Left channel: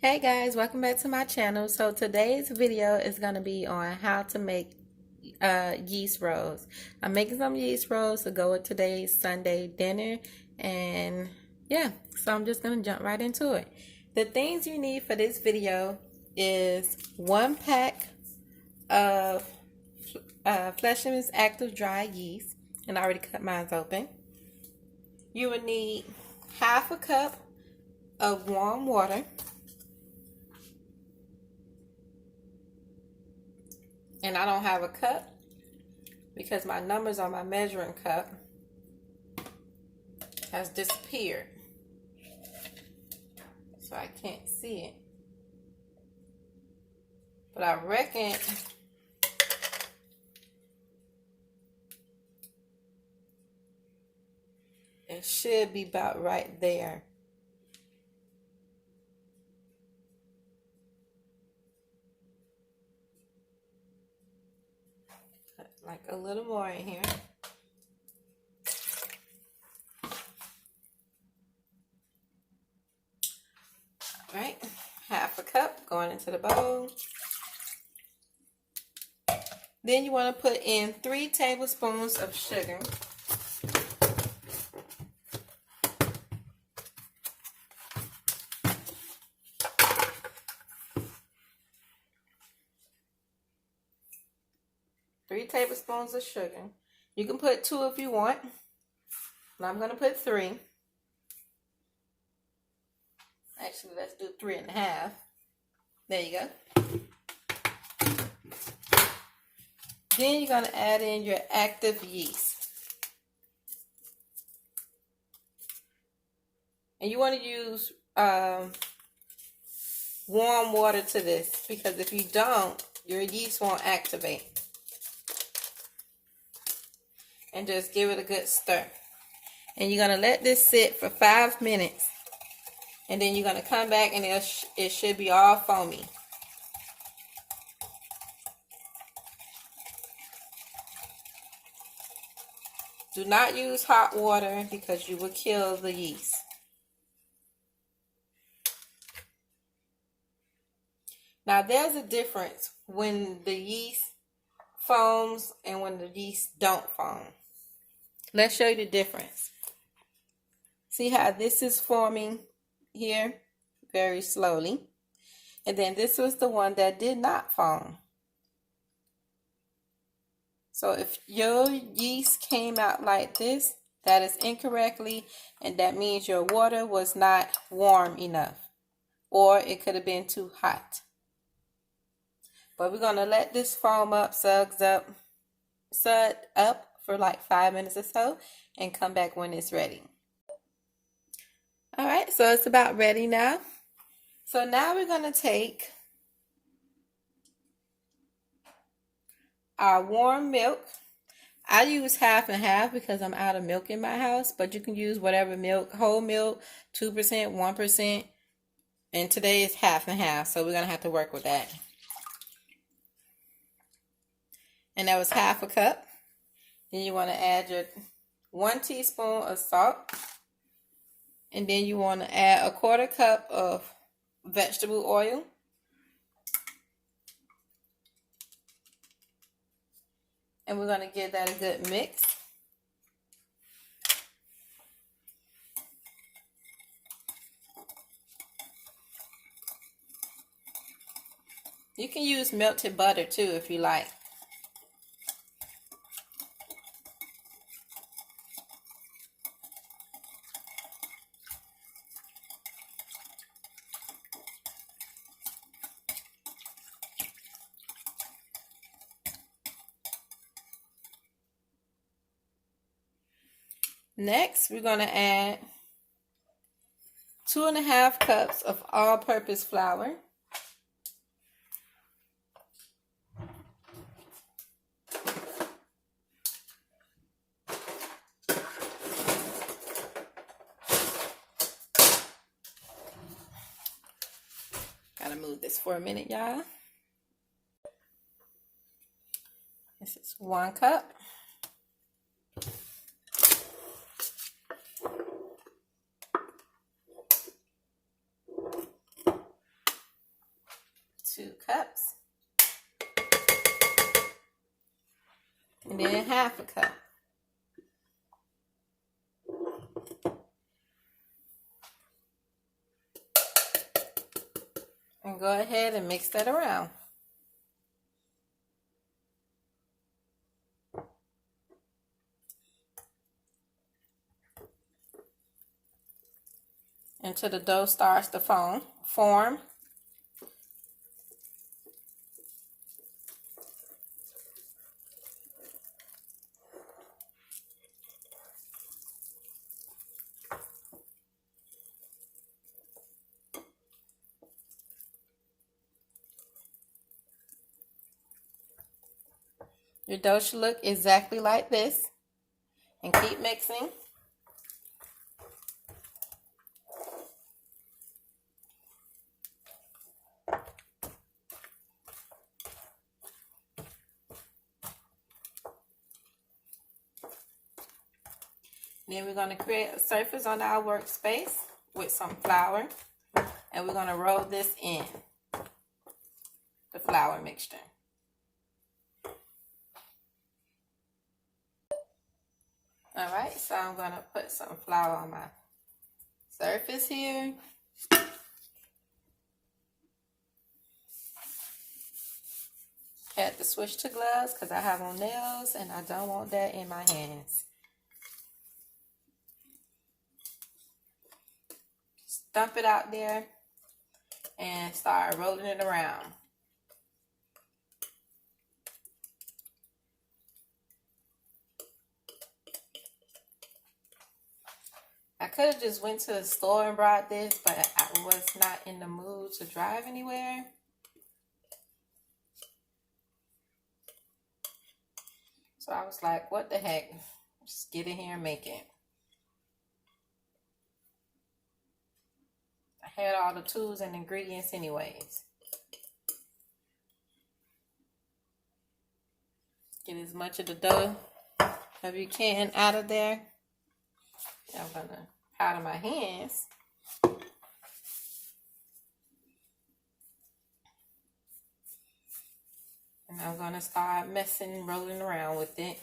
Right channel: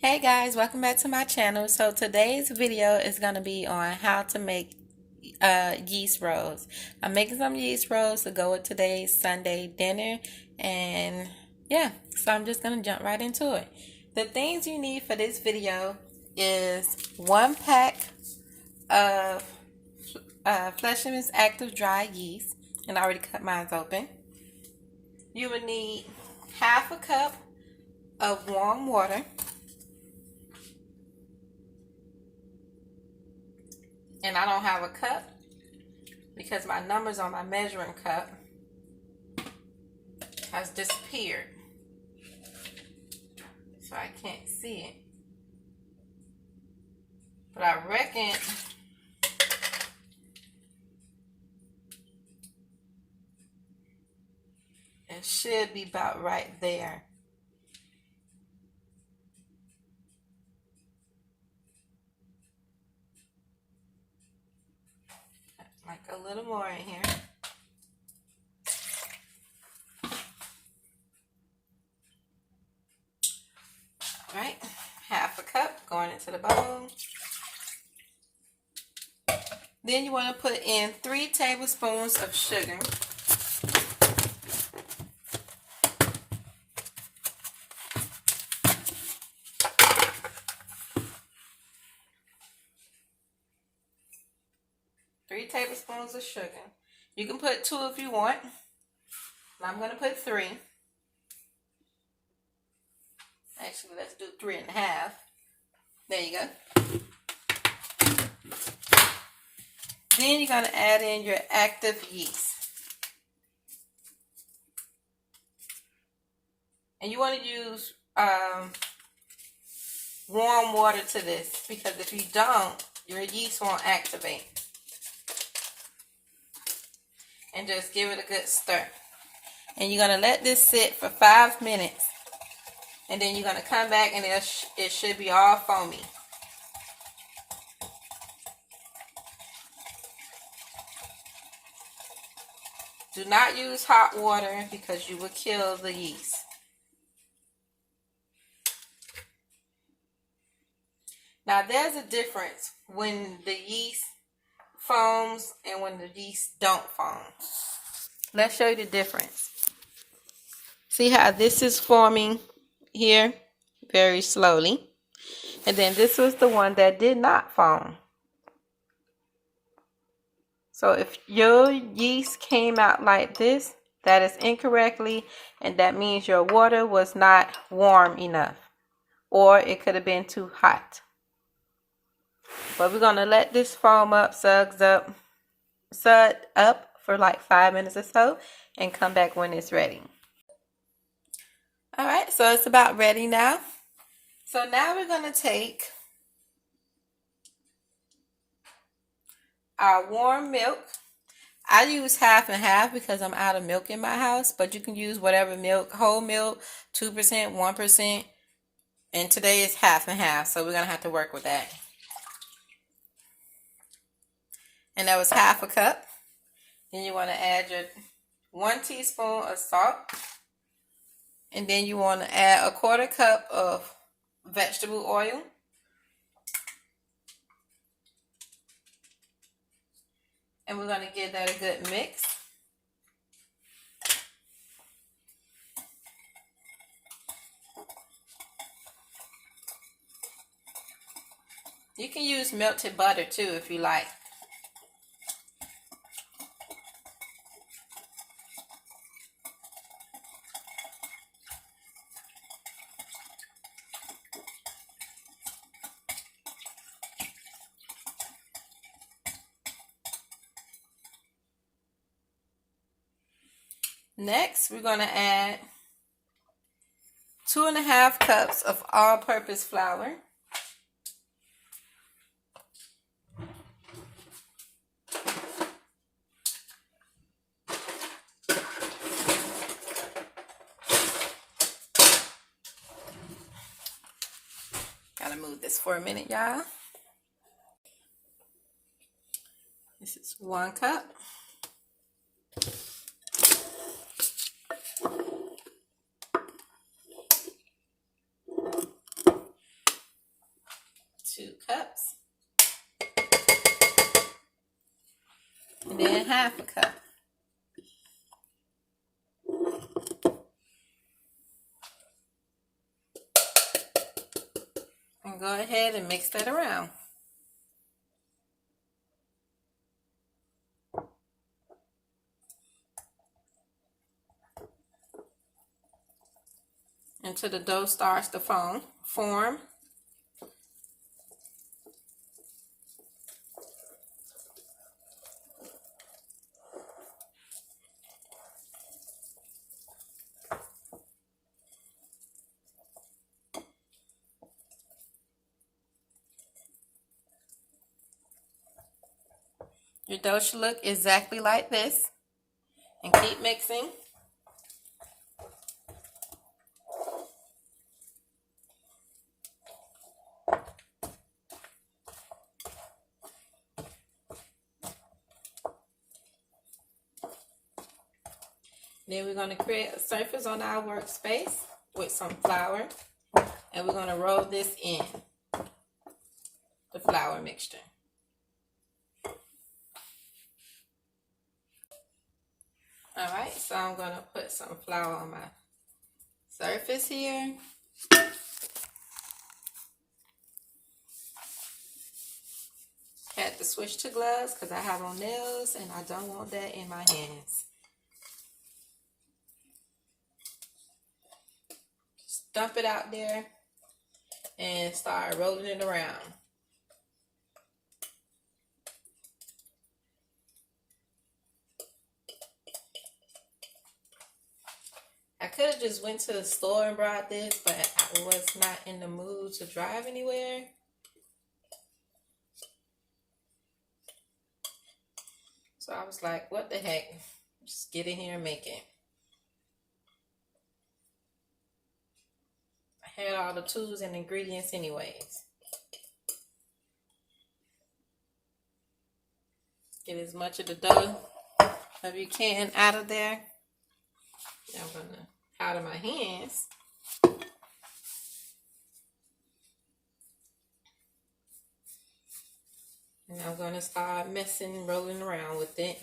Hey guys, welcome back to my channel. So today's video is going to be on how to make yeast rolls. I'm making some yeast rolls to go with today's Sunday dinner, and yeah, so I'm just going to jump right into it. The things you need for this video is 1 pack of Fleischmann's Active Dry Yeast, and I already cut mine open. You would need half a cup of warm water, and I don't have a cup because my numbers on my measuring cup has disappeared, so I can't see it. But I reckon it should be about right there. Like a little more in here. Right, half a cup going into the bowl. Then you want to put in 3 tablespoons of sugar. Three tablespoons of sugar. You can put 2 if you want. And I'm going to put 3. Actually, let's do 3.5. There you go. Then you're going to add in your active yeast. And you want to use warm water to this, because if you don't, your yeast won't activate. And just give it a good stir. And you're going to let this sit for 5 minutes. And then you're going to come back and it should be all foamy. Do not use hot water because you will kill the yeast. Now there's a difference when the yeast foams and when the yeast don't foam. Let's show you the difference. See how this is forming here very slowly, and then this was the one that did not foam. So if your yeast came out like this, that is incorrectly, and that means your water was not warm enough, or it could have been too hot. But we're gonna let this foam up, sud up for like 5 minutes or so, and come back when it's ready. All right, so it's about ready now. So now we're gonna take our warm milk. I use half and half because I'm out of milk in my house, but you can use whatever milk, whole milk, 2%, 1%, and today is half and half, so we're gonna have to work with that. And that was half a cup. Then you want to add your 1 teaspoon of salt. And then you want to add a 1/4 cup of vegetable oil. And we're going to give that a good mix. You can use melted butter too if you like. Next, we're going to add 2.5 cups of all-purpose flour. Gotta move this for a minute, y'all. This is 1 cup. cups. And then half a cup. And go ahead and mix that around. Until the dough starts to form. Your dough should look exactly like this. And keep mixing. Then we're going to create a surface on our workspace with some flour. And we're going to roll this in, the flour mixture. Alright, so I'm going to put some flour on my surface here. Had to switch to gloves because I have on nails and I don't want that in my hands. Just dump it out there and start rolling it around. I could have just went to the store and brought this, but I was not in the mood to drive anywhere. So I was like, what the heck? Just get in here and make it. I had all the tools and ingredients anyways. Get as much of the dough as you can out of there. I'm going to powder my hands. And I'm going to start rolling around with it.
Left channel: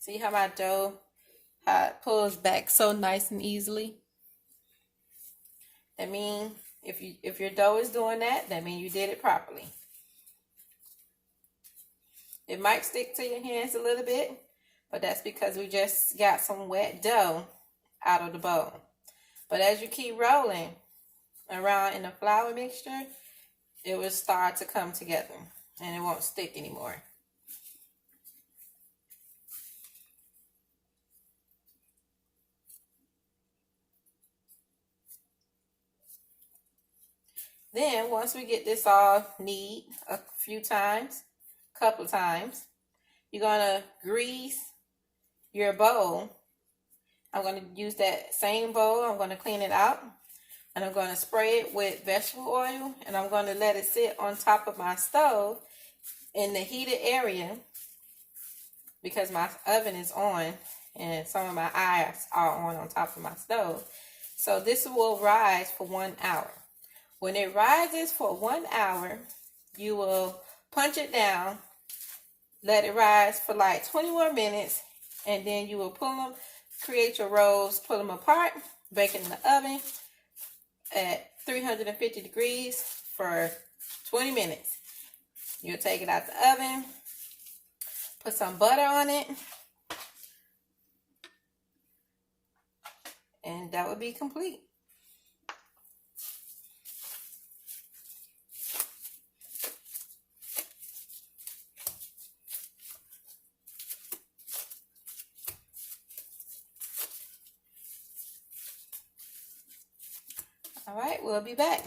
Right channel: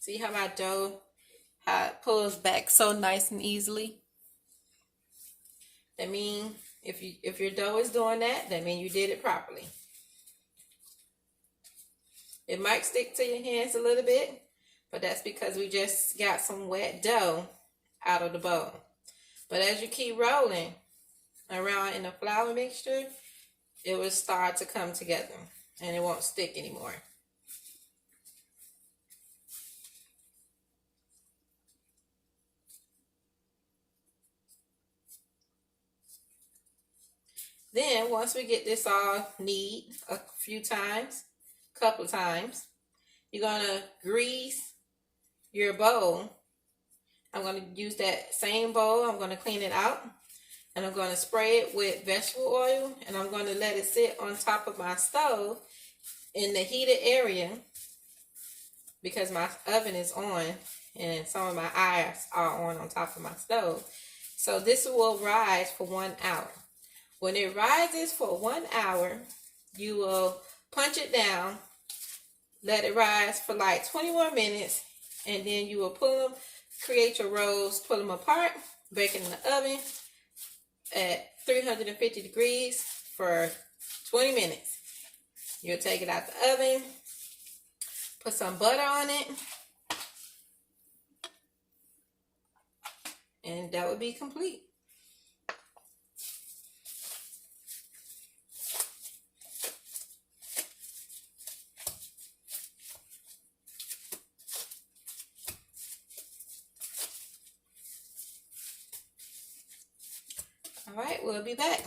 See how my dough, how it pulls back so nice and easily? That means if your dough is doing that means you did it properly. It might stick to your hands a little bit, but that's because we just got some wet dough out of the bowl. But as you keep rolling around in the flour mixture, it will start to come together and it won't stick anymore. Then once we get this all knead a couple of times, you're going to grease your bowl. I'm going to use that same bowl. I'm going to clean it out. And I'm going to spray it with vegetable oil. And I'm going to let it sit on top of my stove in the heated area. Because my oven is on. And some of my irons are on top of my stove. So this will rise for 1 hour. When it rises for 1 hour, you will punch it down. Let it rise for like 20 more minutes. And then you will pull them. Create your rolls, pull them apart, bake it in the oven at 350 degrees for 20 minutes. You'll take it out the oven, put some butter on it, and that would be complete. All right, we'll be back.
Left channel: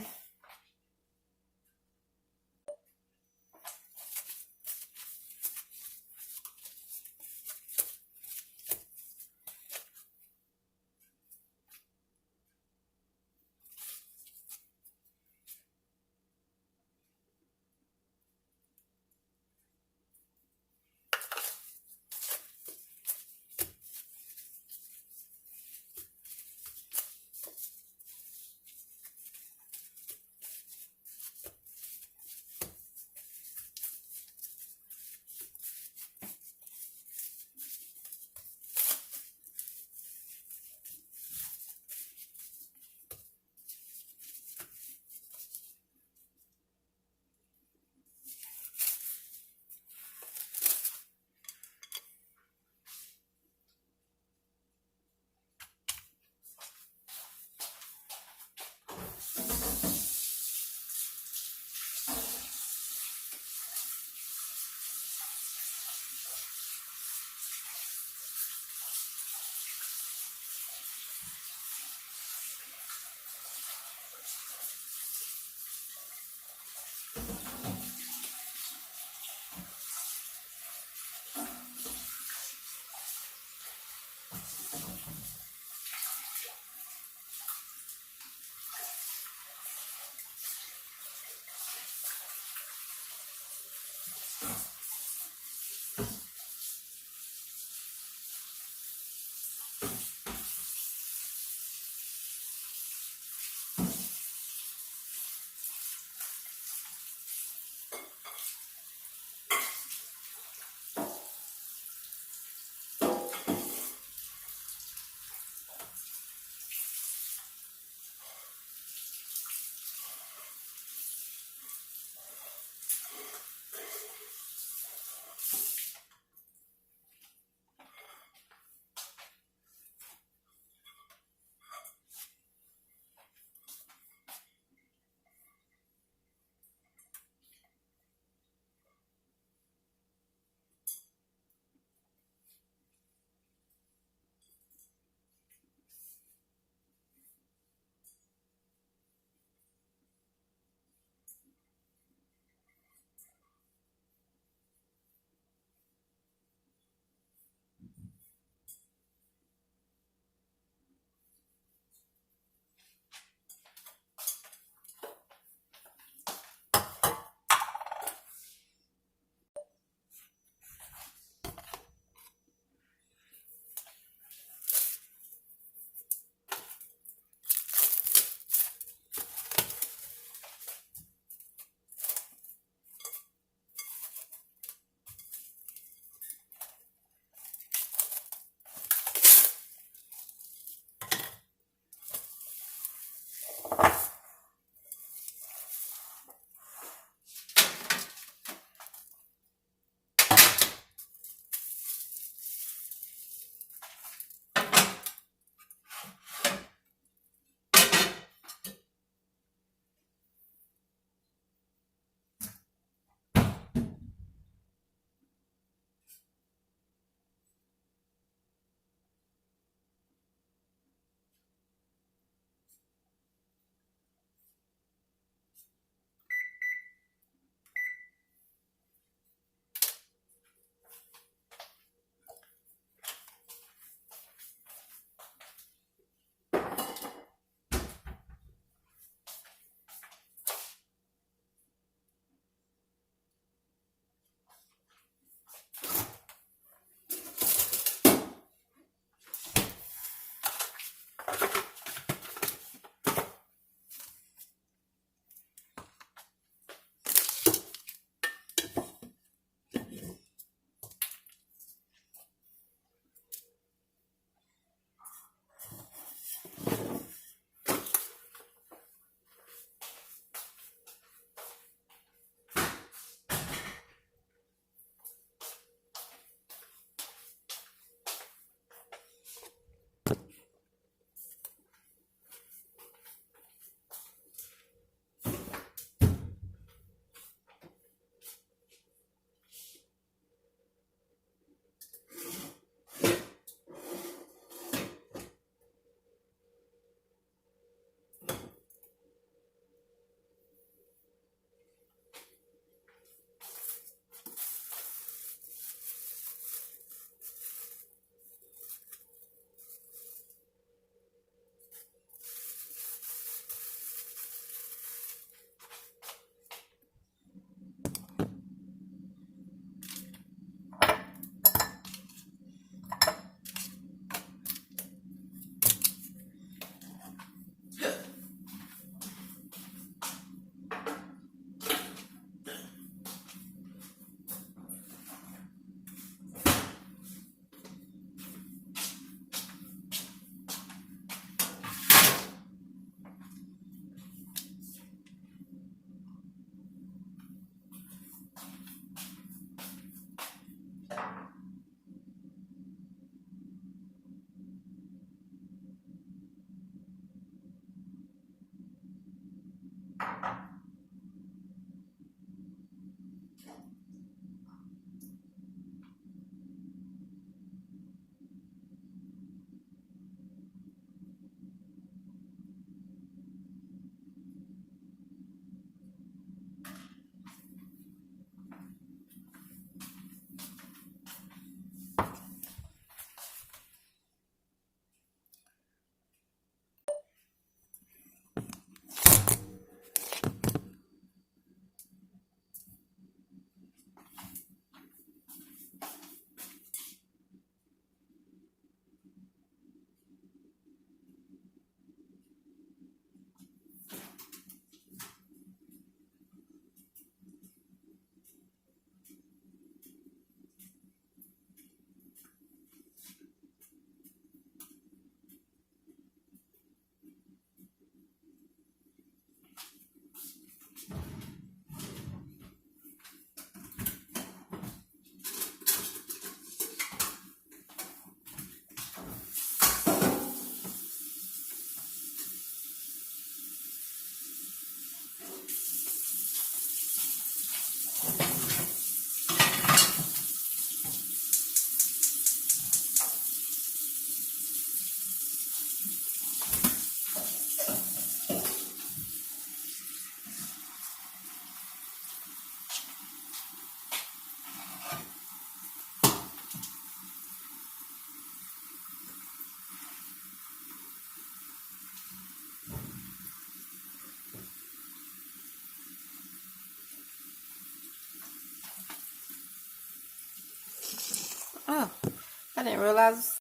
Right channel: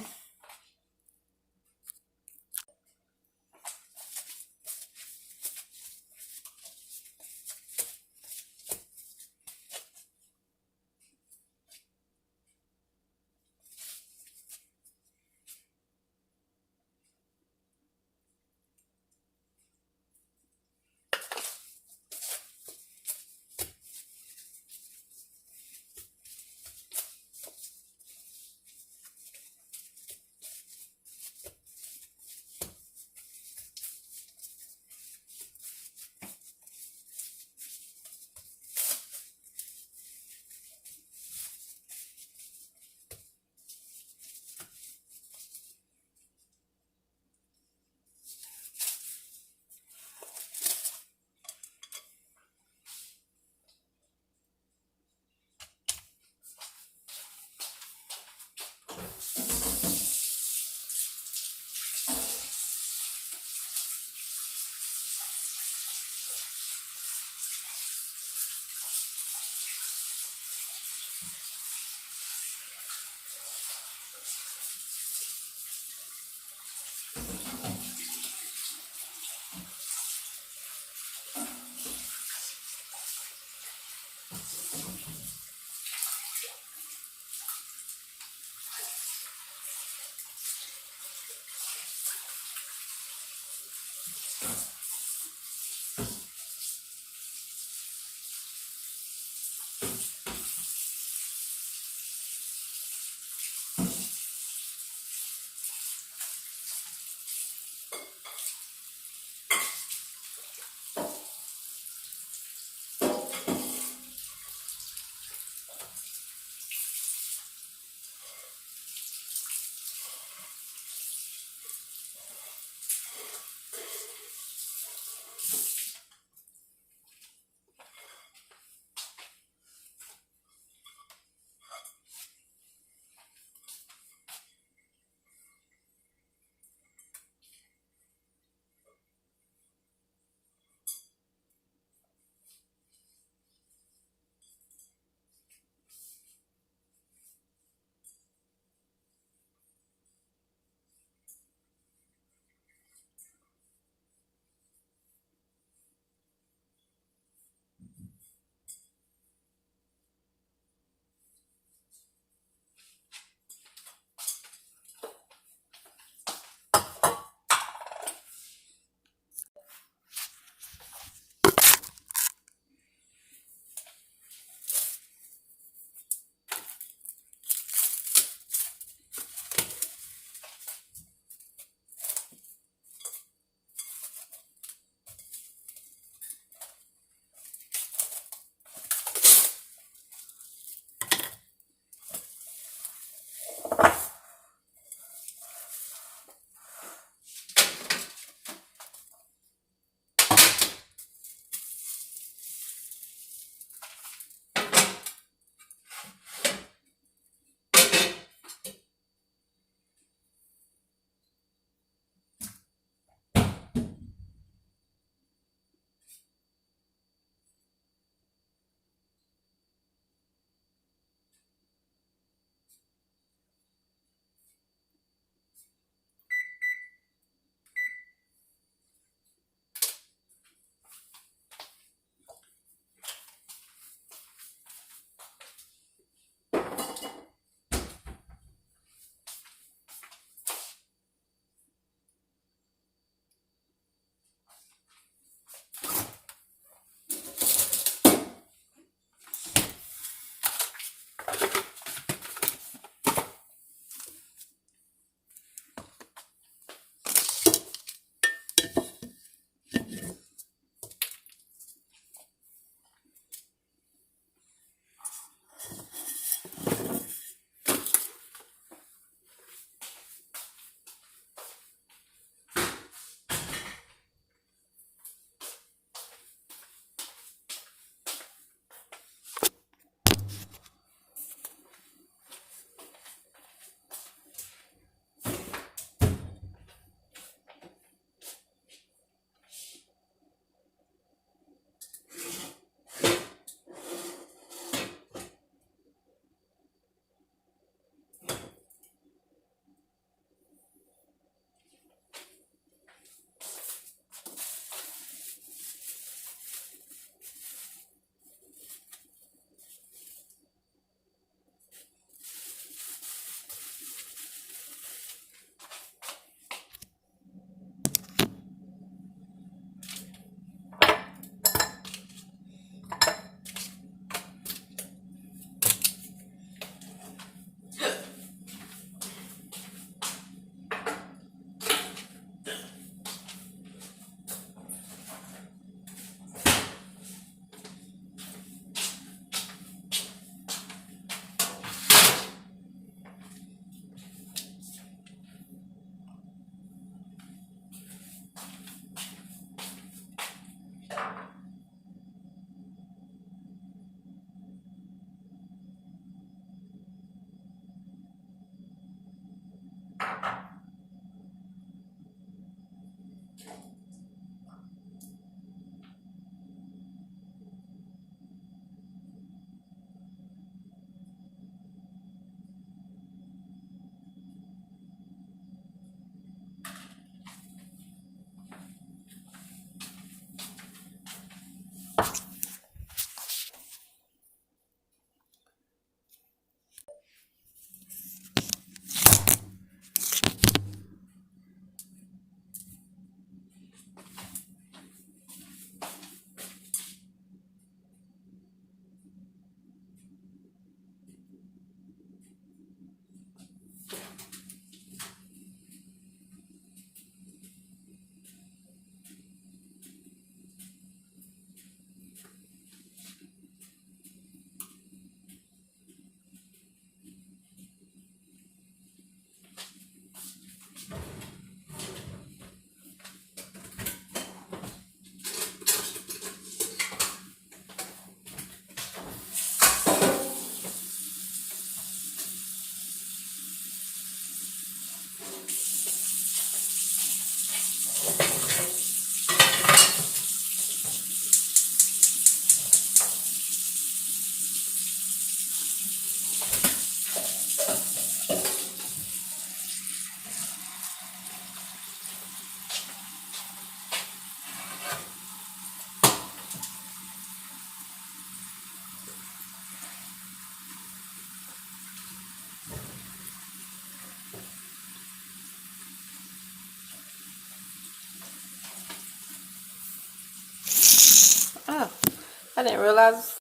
I didn't realize.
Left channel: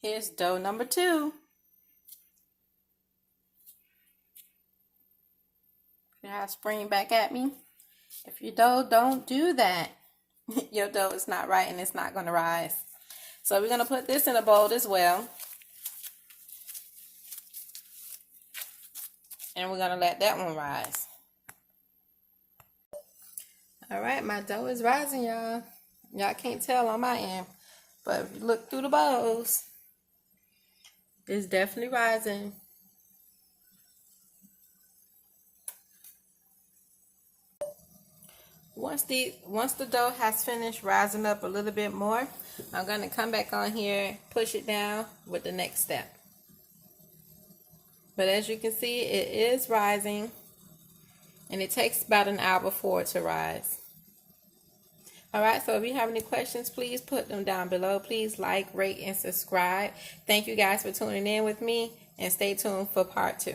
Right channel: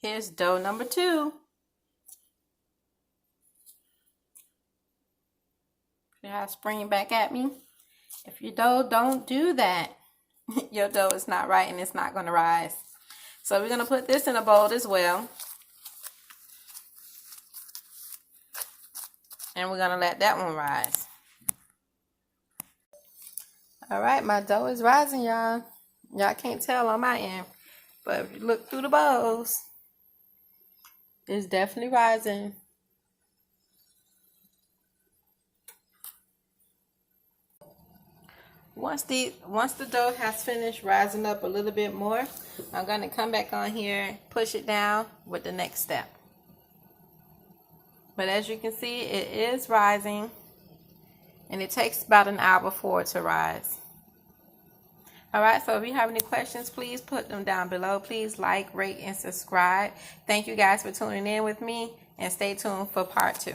Here's dough number 2. See how it's springing back at me? If your dough don't do that, your dough is not right and it's not going to rise. So we're going to put this in a bowl as well. And we're going to let that one rise. All right, my dough is rising, y'all. Y'all can't tell on my end. But if you look through the bowls, it's definitely rising. Once the dough has finished rising up a little bit more, I'm going to come back on here, push it down with the next step. But as you can see, it is rising, and it takes about an hour for it to rise. Alright, so if you have any questions, please put them down below. Please like, rate, and subscribe. Thank you guys for tuning in with me, and stay tuned for part 2.